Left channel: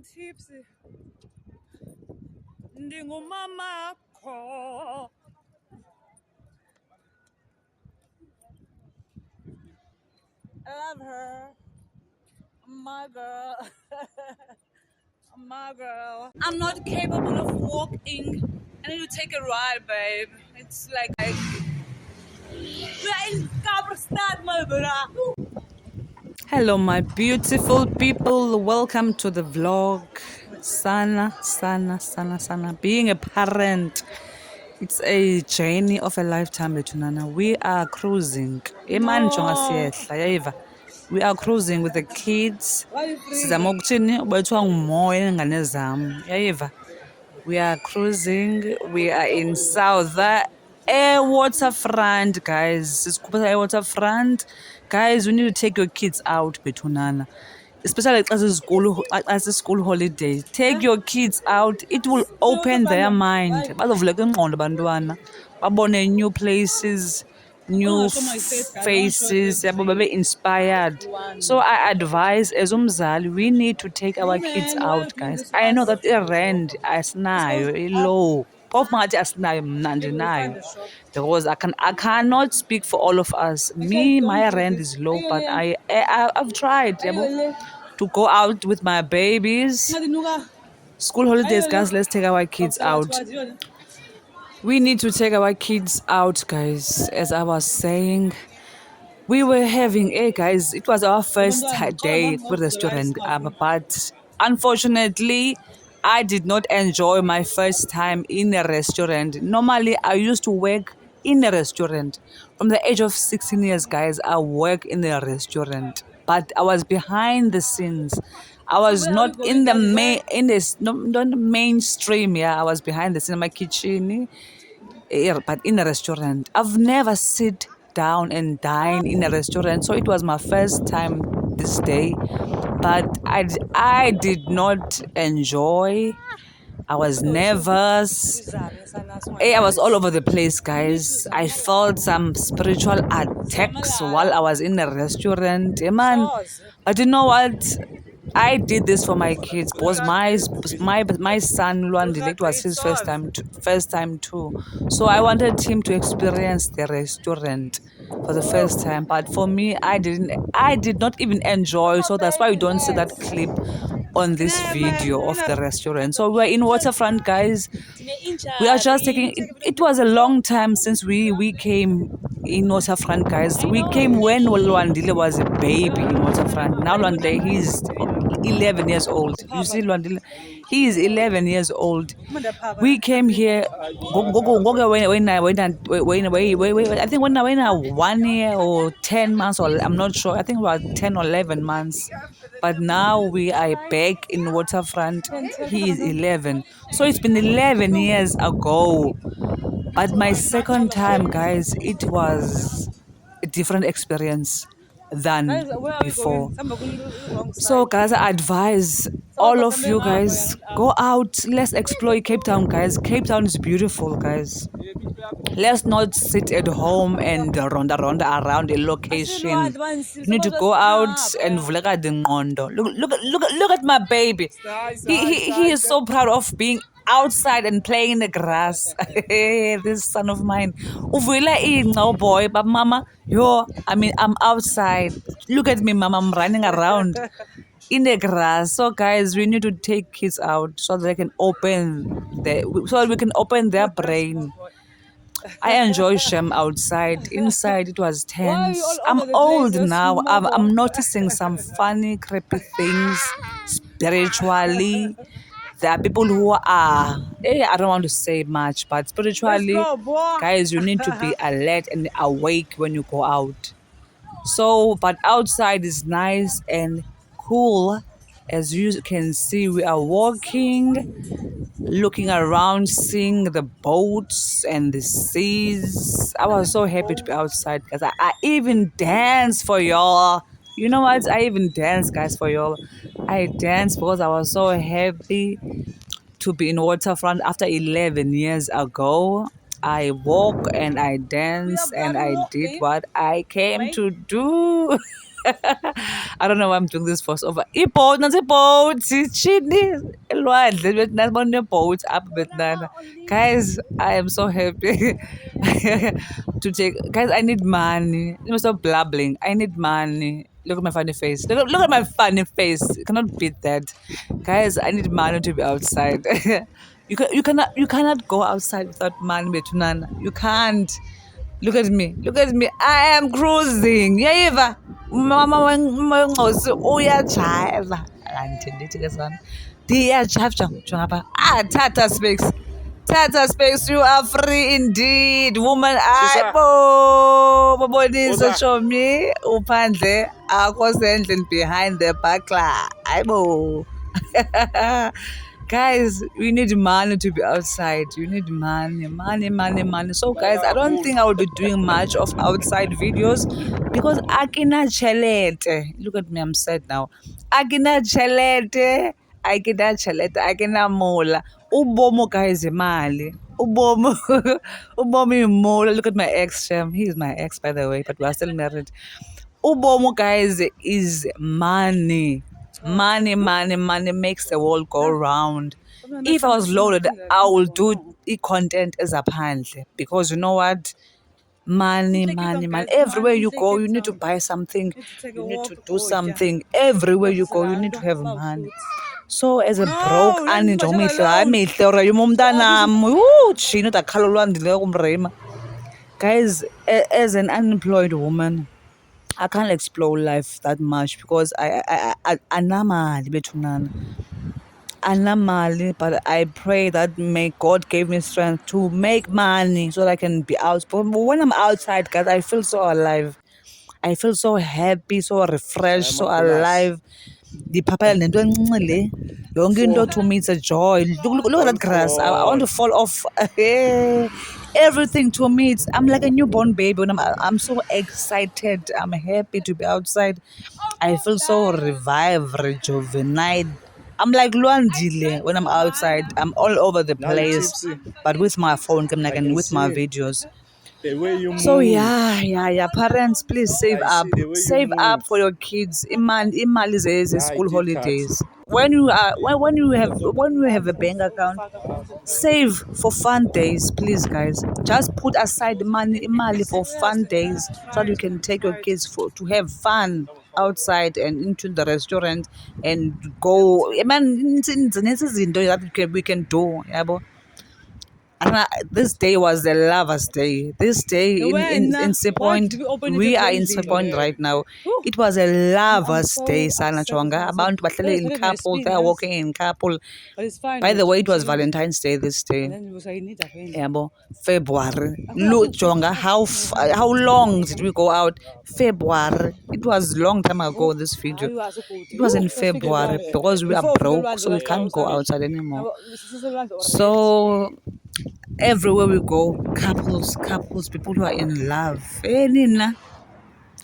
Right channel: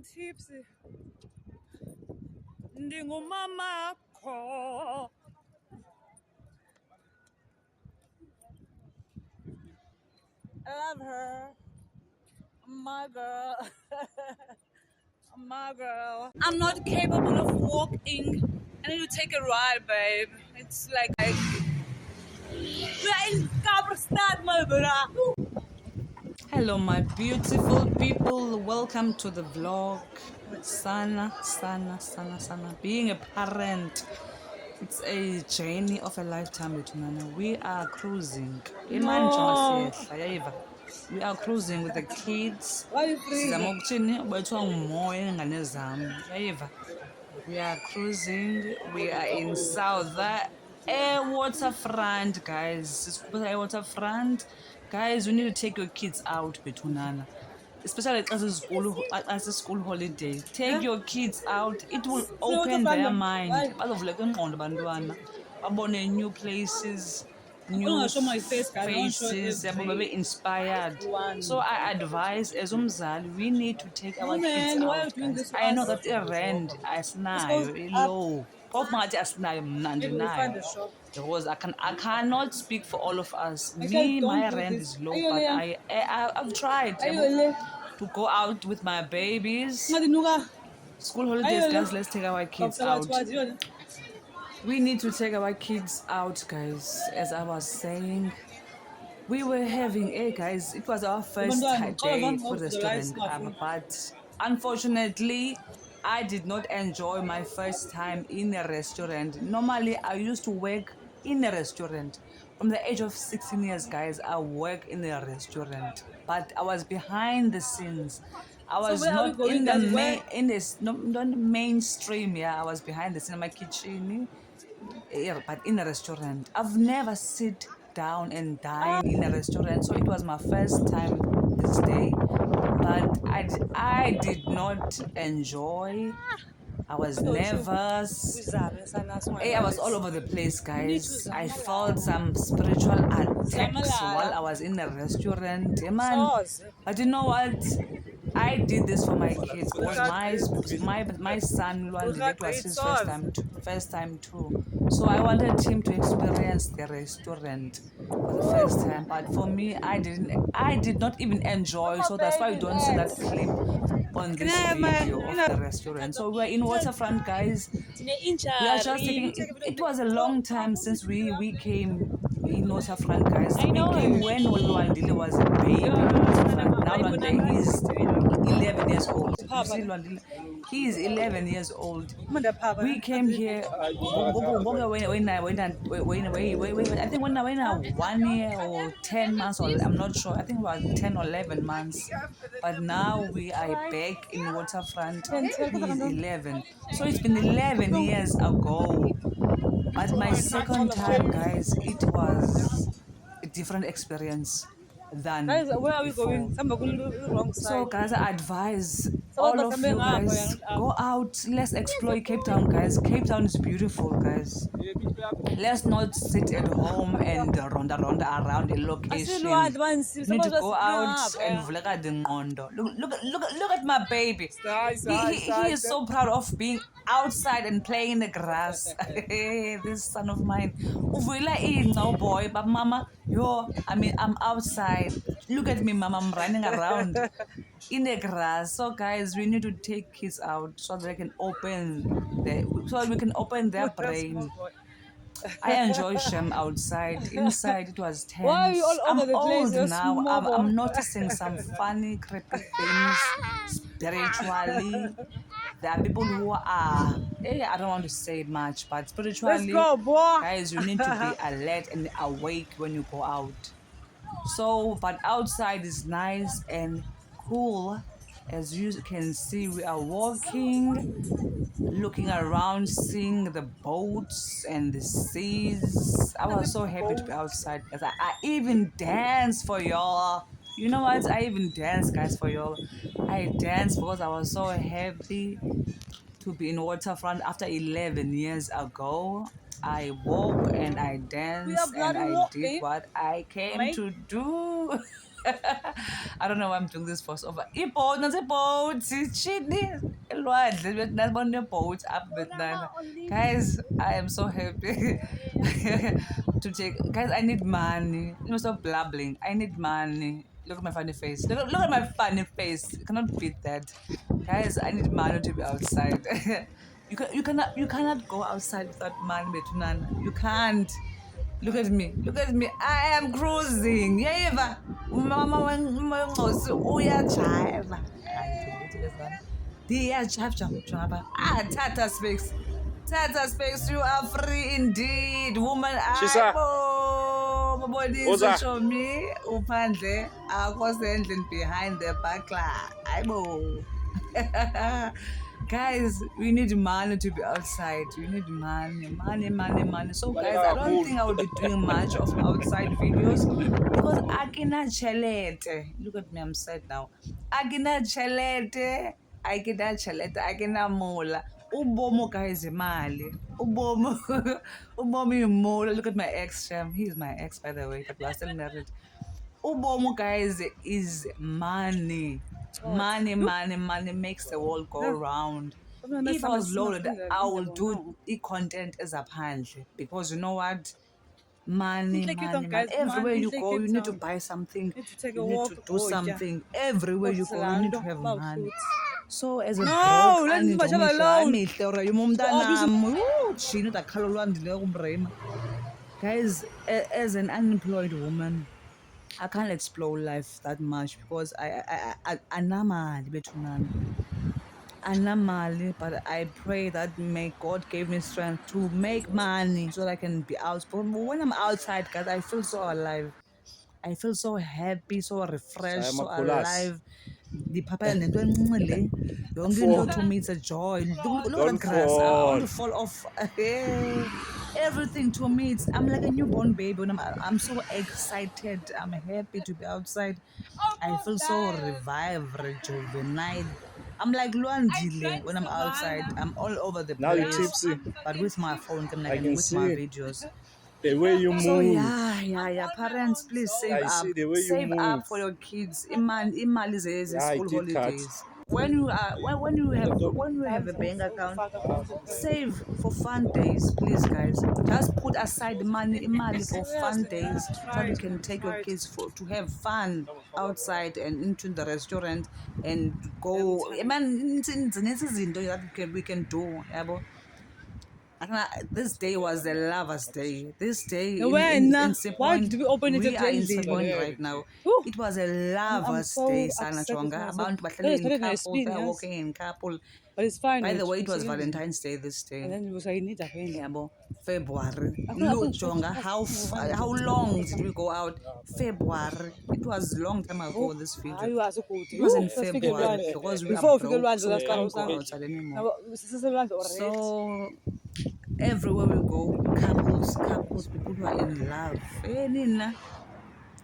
I'm tipsy. Ndingumama kho. I love her. My girl. My girl. I'm not capable of walking. I need to take a ride, babe. It's like we're in Kaapstad, my brother. Hello, my beautiful people. Welcome to the vlog. Sana. Being a parent, it's a journey of a lifetime, Betunana. We are cruising. We are cruising with the kids. We are cruising. We are in South Air Waterfront, guys. It's Air Waterfront. Guys, we need to take your kids out, Betunana. Especially as a school holiday. Take your kids out. It will open their mind. Babone new places, new faces, babe inspired. So I advise as umzali, we need to take our kids out, guys. I know that rent asinayo low. Because I cannot speak for all of us. Me, my rent is low, but I've tried to go out with my babies. School holidays, guys. Let's take our kids out. We need to take our kids out, guys. As I was saying, we were having, hey guys, it was our first day at the restaurant, but unfortunately, I did not enjoy my first time in a restaurant. Normally, I used to work in a restaurant. From the age of 16 years, guys, I work in a restaurant, but I was behind the scenes. I was not in the not mainstream. Yeah, I was behind the scene in my kitchen, but in a restaurant. I've never sit down and dine in a restaurant, so it was my first time this day. But I did not enjoy. I was nervous. I was all over the place, guys. I felt some spiritual attacks while I was in the restaurant. Man, but you know what? I did this for my kids because my son Luandile, it was his first time too. So I wanted him to experience the restaurant for the first time. But for me, I did not even enjoy. So that's why you don't see that clip on this video of the restaurant. So we're in Waterfront, guys. We are just taking it was a long time since we came in Waterfront, guys. We came when Luandile was a baby in Waterfront. Now Luandile, he's 11 years old. You see Luandile, he is 11 years old. We came here when I think when I 1 year or 10 months, or I'm not sure. I think about 10 or 11 months. But now we are back in Waterfront. He is 11. So it's been 11 years ago. But my second time, guys, it was a different experience than before. So, guys, I advise all of you guys, go out. Let's explore Cape Town, guys. Cape Town is beautiful, guys. Let's not sit at home and ronda around a location. You need to go out and vleka the ngondo. Look at my baby. He is so proud of being outside and playing in the grass. This son of mine. Oh boy, but mama, I'm outside. Look at me, mama, I'm running around in the grass. So guys, we need to take kids out so they can so we can open their brain. I enjoy Shem outside. Inside, it was tense. I'm old now. I'm noticing some funny, creepy things spiritually. There are people who are, I don't want to say much, but spiritually, guys, you need to be alert and awake when you go out. So, but outside is nice and cool. As you can see, we are walking, looking around, seeing the boats and the seas. I was so happy to be outside because I even danced for y'all. You know what? I even danced, guys, for y'all. I danced because I was so happy to be in Waterfront after 11 years ago. I walk and I dance and I did what I came to do. I don't know why I'm doing this voice over. I-boat, nansi boat, chini, elwandle, nabona boat up betnana. Guys, I am so happy to take. Guys, I need money. You must stop blabbling. I need money. Look at my funny face. Look at my funny face. You cannot beat that. Guys, I need money to be outside. You cannot go outside without money, betunana. You can't. Look at me. Look at me. I am cruising. Yayiva. Mama wencosi uyajiva. Andithethi ke sana. Ndiyajiva jonga apha. Tata Specs. Tata Specs, you are free indeed. Woman, Shisa. babonise Uza. chomi uphandle akho sendlini behind the buckler. Hayibo. Guys, we need money to be outside. You need money, money, money, money. So, guys, I don't think I will be doing much of outside videos because akina chelete. Look at me, I'm sad now. Akina chelete, akina chelete, akina mola. Ubomo, guys, imali. Ubomo, ubomo mola. Look at my ex, Shem. He is my ex, by the way, but we are still married. Ubomo, guys, is money. Money, money, money makes the world go round. If I was loaded, I will do content as a pandle because you know what? Money, money, money. Everywhere you go, you need to buy something. You need to do something. Everywhere you go, you need to have money. So as a broke aninto mihle hayi mihle urayuma umntanam jini udakhala olwandileyo kumreyima. Guys, as an unemployed woman, I can't explore life that much because I anamali bethunana. Anamali, but I pray that may God give me strength to make money so that I can be out. But when I'm outside, guys, I feel so alive. I feel so happy, so refreshed, so alive. The papa nento encinci le yonke into to me it's a joy. Look at that grass. I want to fall off. Everything to me it's I'm like a newborn baby when I'm so excited. I'm happy to be outside. I feel so revived, rejuvenated. I'm like Luandile when I'm outside. I'm all over the Now you're place, tipsy. but with my phone, I and can with my see videos. the way you So move. yeah. Parents, please save I up. see the way you Save up move. for your kids. Imali is Yeah, I school did cut. holidays. When you have a bank account, save for fun days, please guys. Just put aside money, imali for fun days so that you can take your kids to have fun outside and into the restaurant and go. Man, we can do. Yabo. And this day was the lover's day. This day in Seapoint, we are in Seapoint right now. It was a lover's day, Sana Chonga. About bahlele in couple, they are walking in couple. By the way, it was Valentine's Day this day. Yabo, February. Look, Chonga, how long did we go out? February. It was long time ago. This video. It was in February because we are broke, so we can't go outside anymore. So everywhere we go, couples, people who are in love. Nina,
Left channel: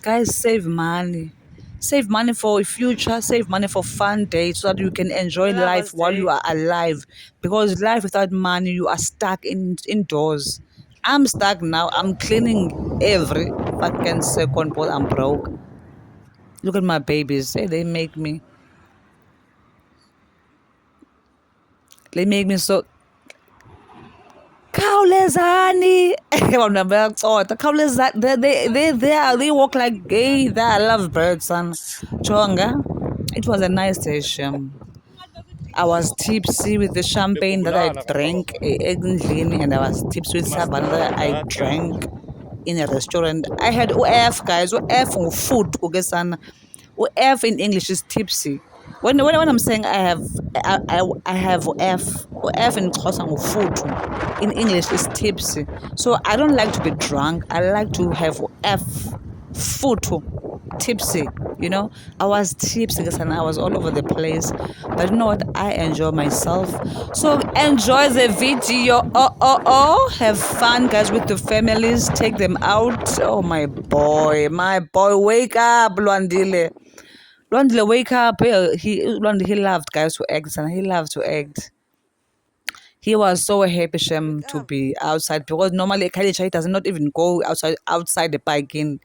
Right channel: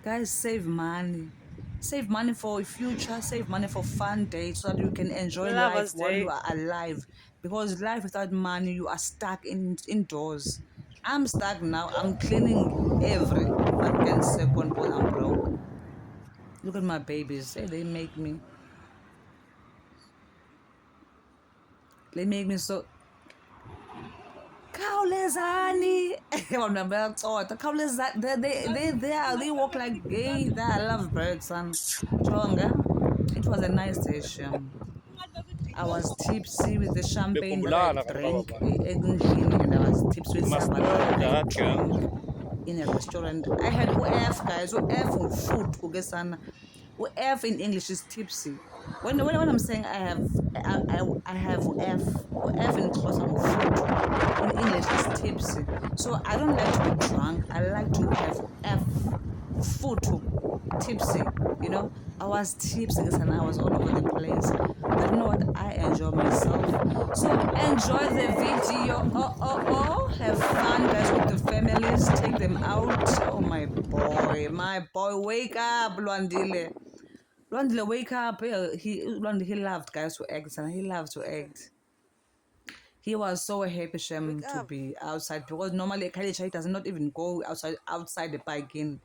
guys, save money. Save money for future, save money for fun days so that you can enjoy life while you are alive. Because life without money, you are stuck indoors. I'm stuck now. I'm cleaning every fucking second because I'm broke. Look at my babies. They make me. They make me so khawulezani bona bayacotha khawulezani they walk like gay. They are lovebirds son. Jonga, it was a nice day, Shem. I was tipsy with the champagne that I drank endlini, and I was tipsy with sabana that I drank in a restaurant. I had UF, guys. UF food kuke sana. UF in English is tipsy. When I'm saying I have F, F in Xhosa food. In English is tipsy. So I don't like to be drunk. I like to have F food tipsy. I was tipsy and I was all over the place, but you know what, I enjoy myself. So enjoy the video. Have fun, guys, with the families. Take them out. Oh, my boy, wake up, Lwandile. Wake up. He loved, guys, to act, and he loved to act. He was so happy, Shem, to be outside because normally Kalichai does not even go outside the parking.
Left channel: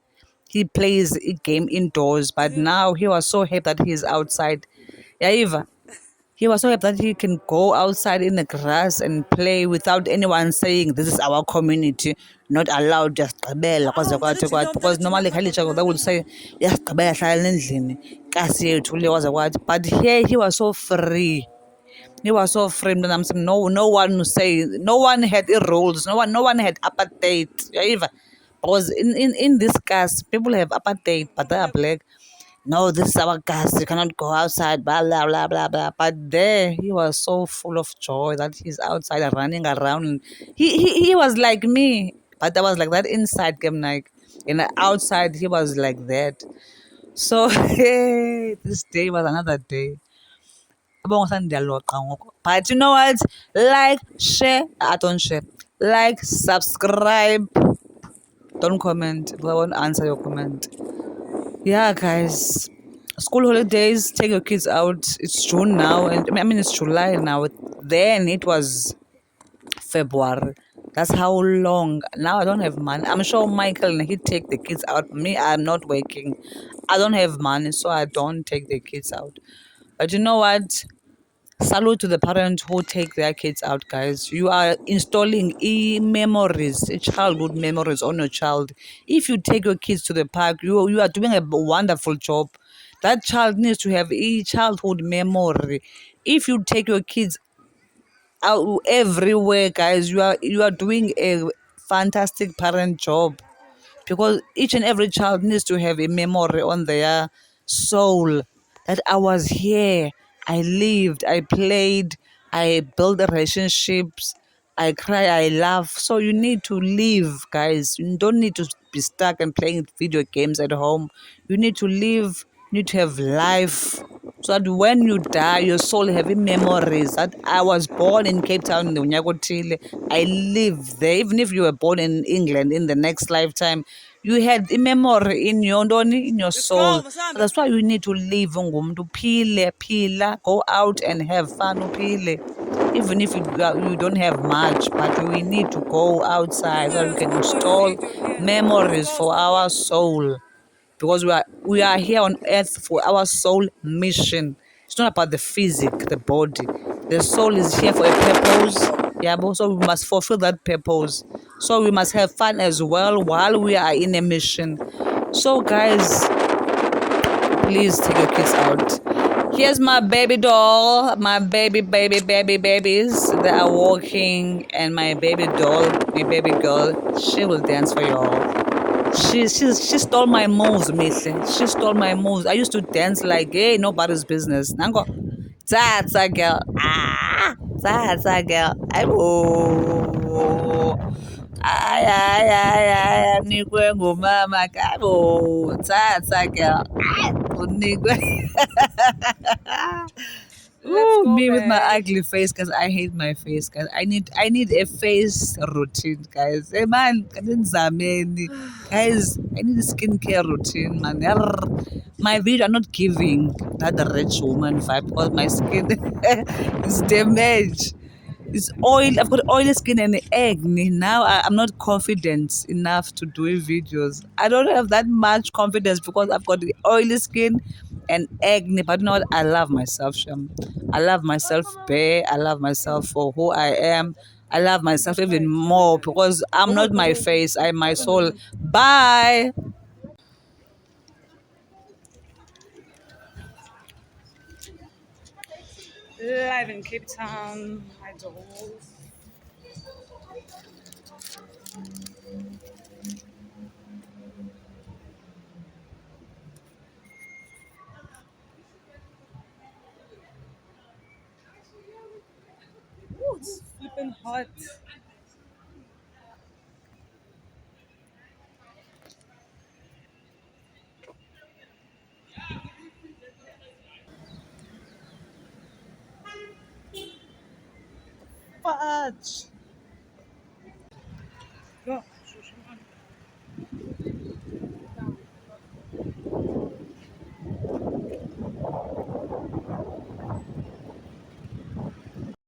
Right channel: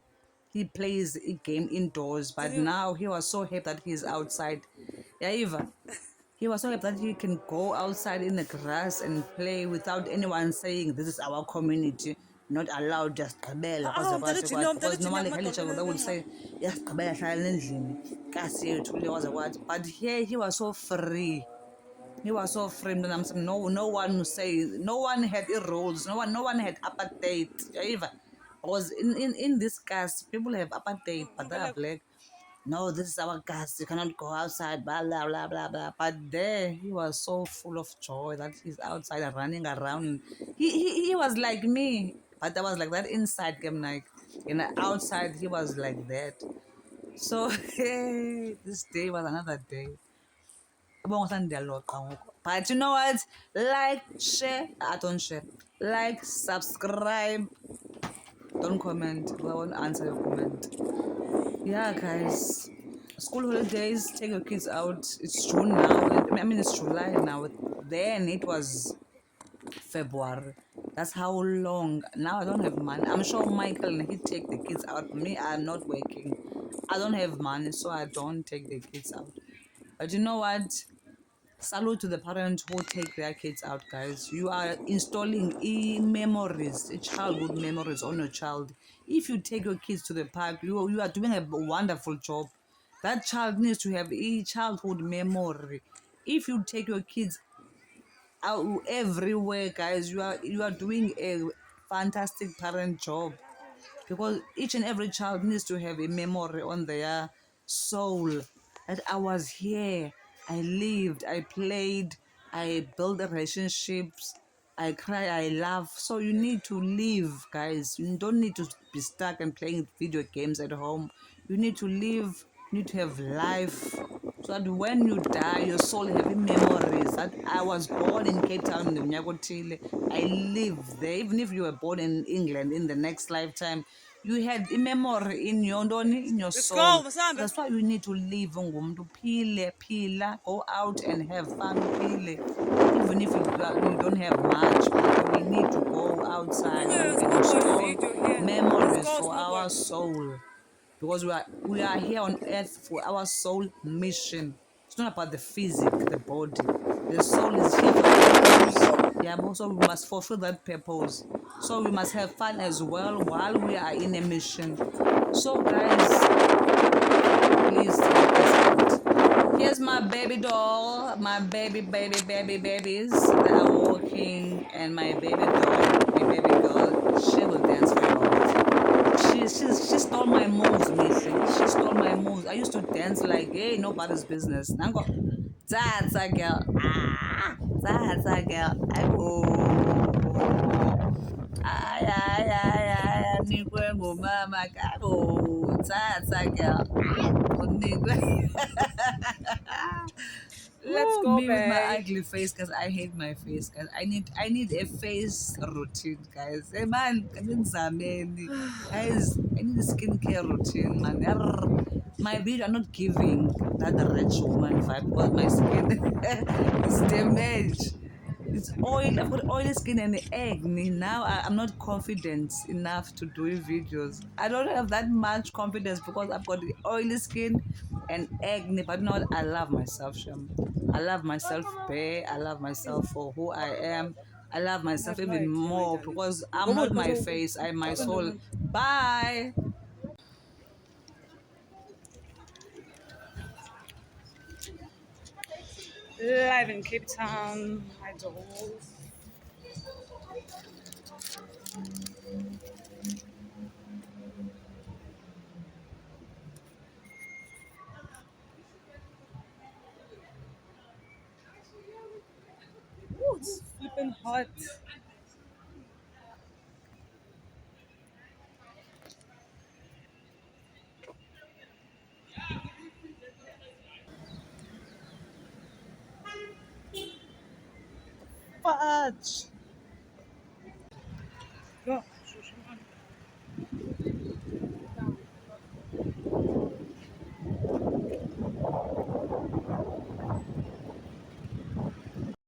he plays a game indoors. But now he was so happy that he's outside. Yeah, Eva. He was so happy that he can go outside in the grass and play without anyone saying this is our community, not allowed just gqibela kwaze kwathi kwathi. Because normally Khalicha they would say yes gqibela hlala endlini kasi yethu le kwaze kwathi. But here he was so free. He was so framed, and I'm saying no one would say, no one had rules, no one had apartheid. Yeah, Eva. Because in this caste, people have apartheid, but they are black. No, this is our caste. You cannot go outside, blah blah blah blah blah. But there, he was so full of joy that he's outside and running around. He was like me, but I was like that inside, game like, and outside he was like that. So hey, this day was another day. But you know what? Like, share. I don't share. Like, subscribe. Don't comment. I won't answer your comment. Yeah, guys. School holidays. Take your kids out. It's June now, and I mean it's July now. Then it was February. That's how long. Now I don't have money. I'm sure Michael he take the kids out. Me, I'm not working. I don't have money, so I don't take the kids out. But you know what? Salute to the parents who take their kids out, guys. You are installing memories, childhood memories on your child. If you take your kids to the park, you are doing a wonderful job. That child needs to have a childhood memory. If you take your kids out everywhere, guys, you are doing a fantastic parent job, because each and every child needs to have a memory on their soul that I was here, I lived, I played, I built relationships, I cry, I laugh. So you need to live, guys. You don't need to be stuck and playing video games at home. You need to live, you need to have life, so that when you die, your soul having memories that I was born in Cape Town in the Unyakotile. I lived there. Even if you were born in England in the next lifetime, you had a memory in your in your soul. That's why you need to live ngumuntu uphile, phila, go out and have fun uphile. Even if you don't have much, but we need to go outside where we can install memories for our soul, because we are here on earth for our soul mission. It's not about the physic, the body. The soul is here for a purpose. Yeah, but also we must fulfill that purpose. So we must have fun as well while we are in a mission. So guys, please take your kids out. Here's my baby doll, my babies. They are walking, and my baby doll, my baby girl, she will dance for you all. She stole my moves, Mihle. She stole my moves. I used to dance like, hey, nobody's business. Nango, that's a girl. Ah, that's a girl. Ay, unikwe ngumama kabo. That's a girl. Unikwe. Let's go Me with my back. ugly face, because I hate my face, guys. I need a face routine, guys. Hey man, guys, I need a skincare routine, man. My video are not giving that rich woman vibe, because my skin is damaged. It's oil. I've got oily skin and acne. Now I'm not confident enough to do videos. I don't have that much confidence because I've got the oily skin and acne. But you know what? I love myself, Sham. I love myself bare. I love myself for who I am. I love myself even more because I'm not my face. I'm my soul. Bye. Live in Cape Town, my dolls. Ooh, it's flipping hot. Fudge. Go.